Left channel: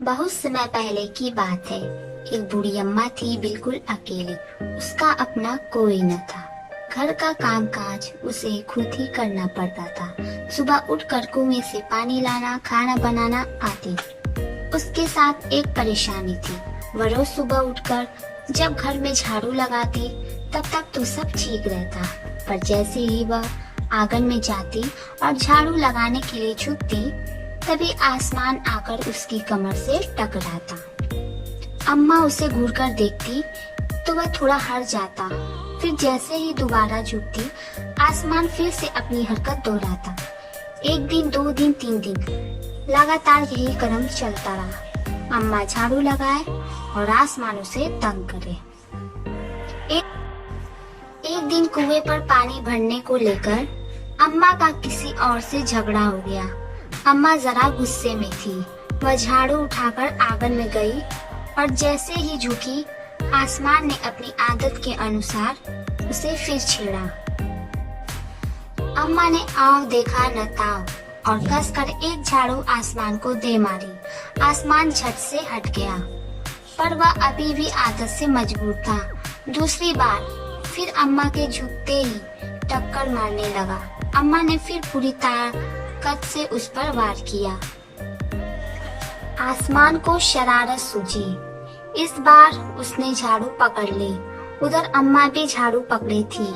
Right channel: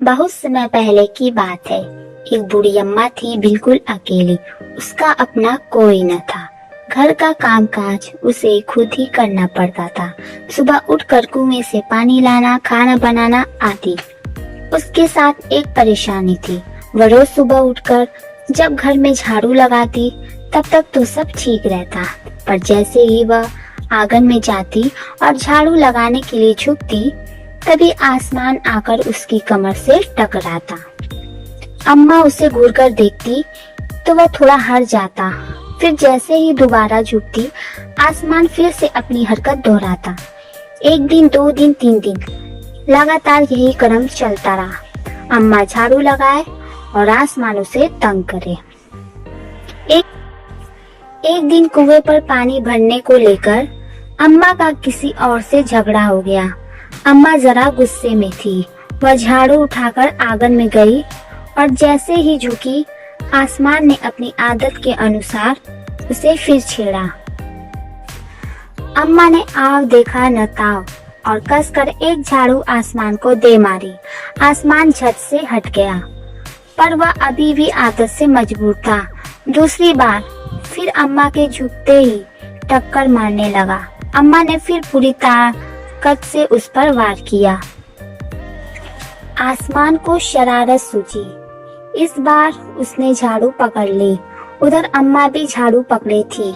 बहुत समय पहले की बात है। एक बूढ़ी अम्मा थी, बिल्कुल अकेली। उसका अपना कोई न था। घर का कामकाज उसे खुद ही करना पड़ता था। सुबह उठकर कुएं से पानी लाना, खाना बनाना आदि। उसके साथ एक परेशानी थी। वह रोज सुबह उठकर जब घर में झाड़ू लगाती तब तक तो सब ठीक रहता, पर जैसे ही वह आंगन में जाती और झाड़ू लगाने के लिए झुकती, तभी आसमान आकर उसकी कमर से टकराता। अम्मा उसे घूरकर देखती तो वह थोड़ा हट जाता, फिर जैसे ही दोबारा झुकती, आसमान फिर से अपनी हरकत दोहराता। एक दिन, 2 दिन, 3 दिन, लगातार यही क्रम चलता रहा। अम्मा झाड़ू लगाए और आसमान उसे तंग करे। एक दिन कुएं पर पानी भरने को लेकर अम्मा का किसी और से झगड़ा हो गया। अम्मा जरा गुस्से में थी। वह झाड़ू उठाकर आंगन में गई और जैसे ही झुकी, आसमान ने अपनी आदत के अनुसार उसे फिर छेड़ा। अम्मा ने आव देखा न ताव और कसकर एक झाड़ू आसमान को दे मारी। आसमान झट से हट गया, पर वह अभी भी आदत से मजबूर था। दूसरी बार फिर अम्मा के झुकते ही टक्कर मारने लगा। अम्मा ने फिर पूरी ताकत से उस पर वार किया। आसमान को शरारत सूझी। इस बार उसने झाड़ू पकड़ ली। उधर अम्मा भी झाड़ू पकड़े थी।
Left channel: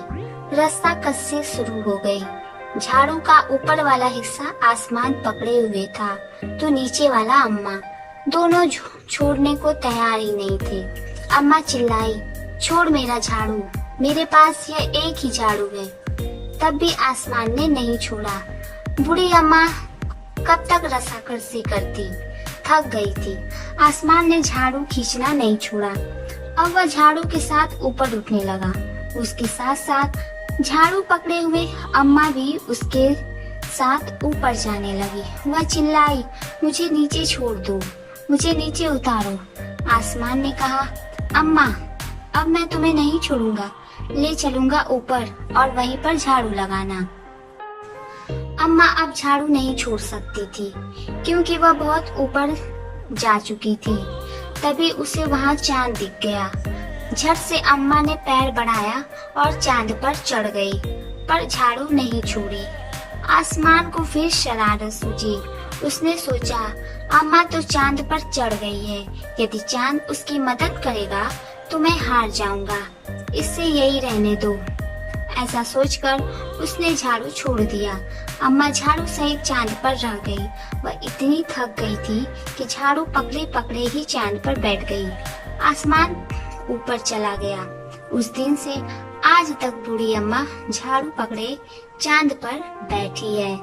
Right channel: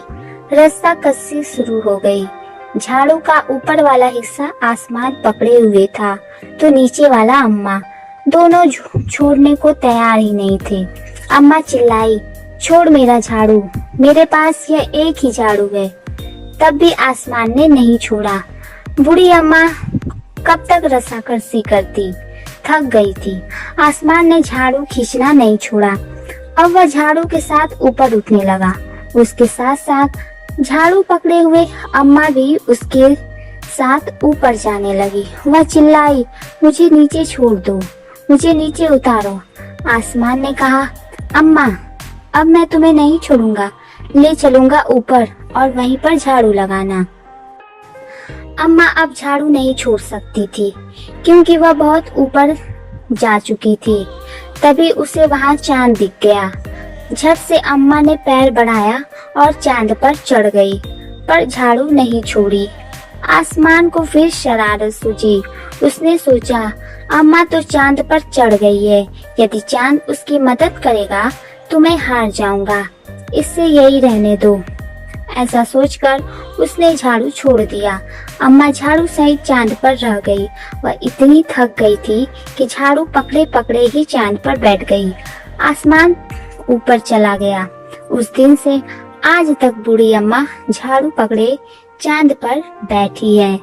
रस्सा कस्सी शुरू हो गई। झाड़ू का ऊपर वाला हिस्सा आसमान पकड़े हुए था तो नीचे वाला अम्मा। दोनों छोड़ने को तैयार ही नहीं थे। अम्मा चिल्लाई, छोड़ मेरा झाड़ू, मेरे पास यह एक ही झाड़ू है। तब भी आसमान ने नहीं छोड़ा। बूढ़ी अम्मा कब तक रस्साकसी करती, थक गई थी। आसमान ने झाड़ू खींचना नहीं छोड़ा। अब वह झाड़ू के साथ ऊपर उठने लगा। उसके साथ साथ झाड़ू पकड़े हुए अम्मा भी उसके साथ ऊपर जाने लगी। वह चिल्लाई, मुझे नीचे छोड़ दो, मुझे नीचे उतारो। आसमान ने कहा, अम्मा अब मैं तुम्हें नहीं छोड़ूंगा, ले चलूंगा ऊपर और वहीं पर झाड़ू लगाना। अम्मा अब झाड़ू नहीं छोड़ सकती थी क्योंकि वह बहुत ऊपर जा चुकी थी। तभी उसे वहां चांद दिख गया। झट से अम्मा ने पैर बढ़ाया और चांद पर चढ़ गई, पर झाड़ू नहीं छोड़ी। आसमान को फिर शरारत सूझी। उसने सोचा, अम्मा तो चांद पर चढ़ गई है, यदि चांद उसकी मदद करेगा तो मैं हार जाऊंगा, इससे यही रहने दो। ऐसा सोचकर उसने झाड़ू छोड़ दिया। अम्मा झाड़ू सहित चांद पर रह गई। वह इतनी थक गई थी कि झाड़ू पकड़े पकड़े ही चांद पर बैठ गई। आसमान ऊपर चला गया। उस दिन से आज तक बूढ़ी अम्मा झाड़ू पकड़े चांद पर बैठी है।